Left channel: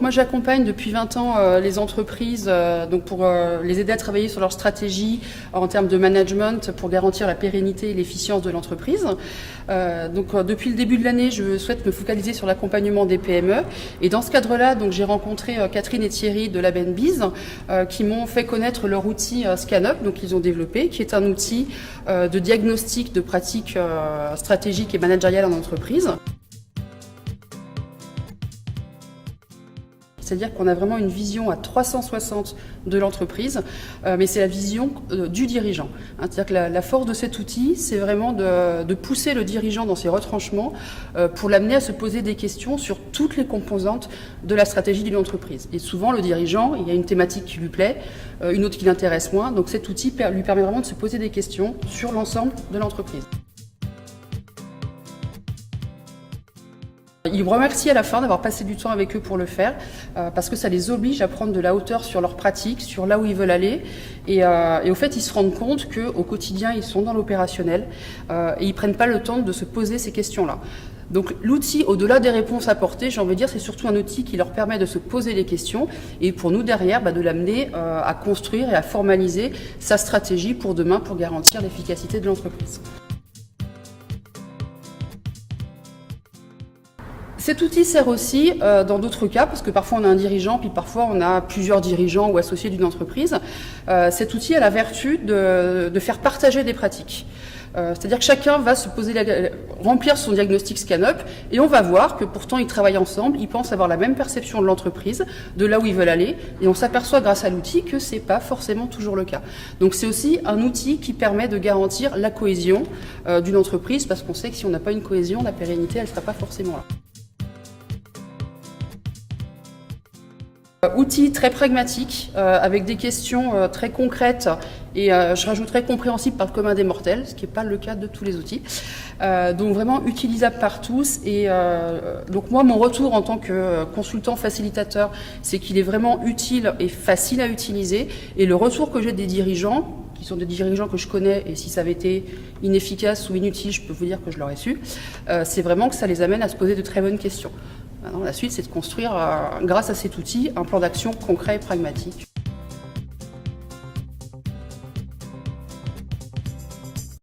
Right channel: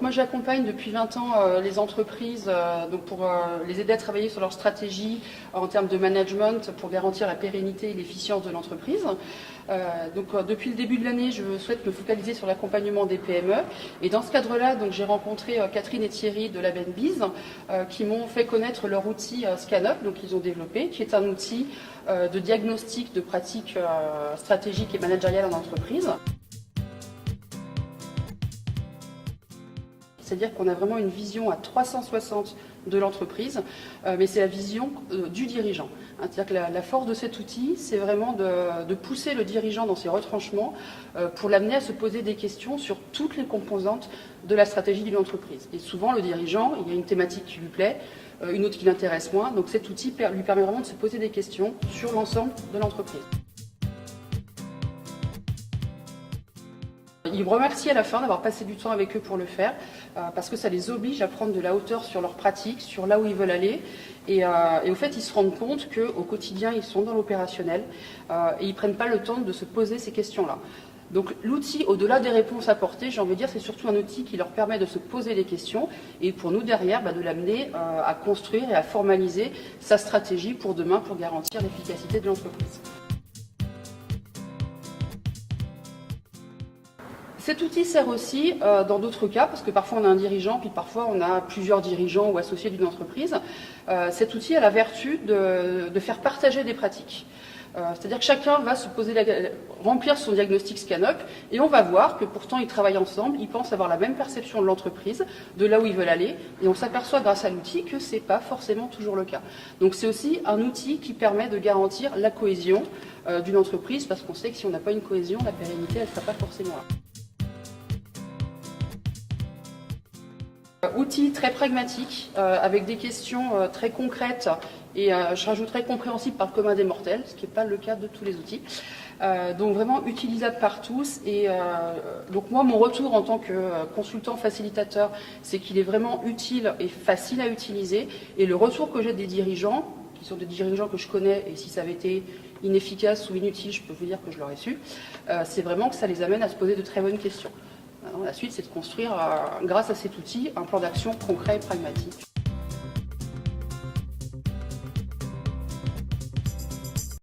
Moi, j'accompagne depuis 20 ans les entreprises donc pour les aider à travailler sur leur stratégie en termes de management pour garantir la pérennité et l'efficience de l'entreprise. Depuis le début de l'année, je souhaite me focaliser sur l'accompagnement des PME. Et dans ce cadre-là, j'ai rencontré Catherine et Thierry de la BNBiz qui m'ont fait connaître leur outil ScanUp, donc ils ont développé, qui est un outil de diagnostic de pratiques stratégiques et managériales en entreprise. C'est-à-dire qu'on a vraiment une vision à 360 de l'entreprise, mais c'est la vision du dirigeant. C'est-à-dire que la force de cet outil, c'est vraiment de pousser le dirigeant dans ses retranchements pour l'amener à se poser des questions sur toutes les composantes de la stratégie d'une entreprise. Et souvent, le dirigeant, il y a une thématique qui lui plaît, une autre qui l'intéresse moins, donc cet outil lui permet vraiment de se poser des questions sur l'ensemble de l'entreprise. Ils me remercient à la fin d'avoir passé du temps avec eux pour le faire, parce que ça les oblige à prendre de la hauteur sur leurs pratiques, sur là où ils veulent aller. Et au fait, ils se rendent compte qu'au quotidien, ils sont dans l'opérationnel et ils ne prennent pas le temps de se poser ces questions-là. Donc l'outil, au-delà des réponses apportées, j'ai envie de dire, c'est surtout un outil qui leur permet de se poser les questions et pour nous, derrière, de l'amener à construire et à formaliser sa stratégie pour demain, pour garantir l'efficacité de l'entreprise. Cet outil sert aussi dans d'autres cas, parce que parfois on a un dirigeant, puis parfois on a plusieurs dirigeants ou associés d'une entreprise. Cet outil a la vertu de faire partager des pratiques. C'est-à-dire que chacun va se remplir son diagnostic ScanUp et on va voir que pourtant ils travaillent ensemble, ils pensent avoir la même perception de l'entreprise, de là où ils veulent aller, et on s'aperçoit grâce à l'outil que ce n'est pas forcément toujours le cas. Donc c'est aussi un outil qui permet de garantir la cohésion d'une entreprise, parce qu'on sait que si on n'a pas une cohésion, la pérennité, elle ne sera pas forcément là. Outil très pragmatique, avec des questions très concrètes et je rajouterais compréhensible par le commun des mortels, ce qui n'est pas le cas de tous les outils. Donc vraiment utilisable par tous. Et donc moi, mon retour en tant que consultant facilitateur, c'est qu'il est vraiment utile et facile à utiliser. Et le retour que j'ai des dirigeants, qui sont des dirigeants que je connais, et si ça avait été inefficace ou inutile, je peux vous dire que je l'aurais su, c'est vraiment que ça les amène à se poser de très bonnes questions. Maintenant, la suite, c'est de construire, grâce à cet outil, un plan d'action concret et pragmatique.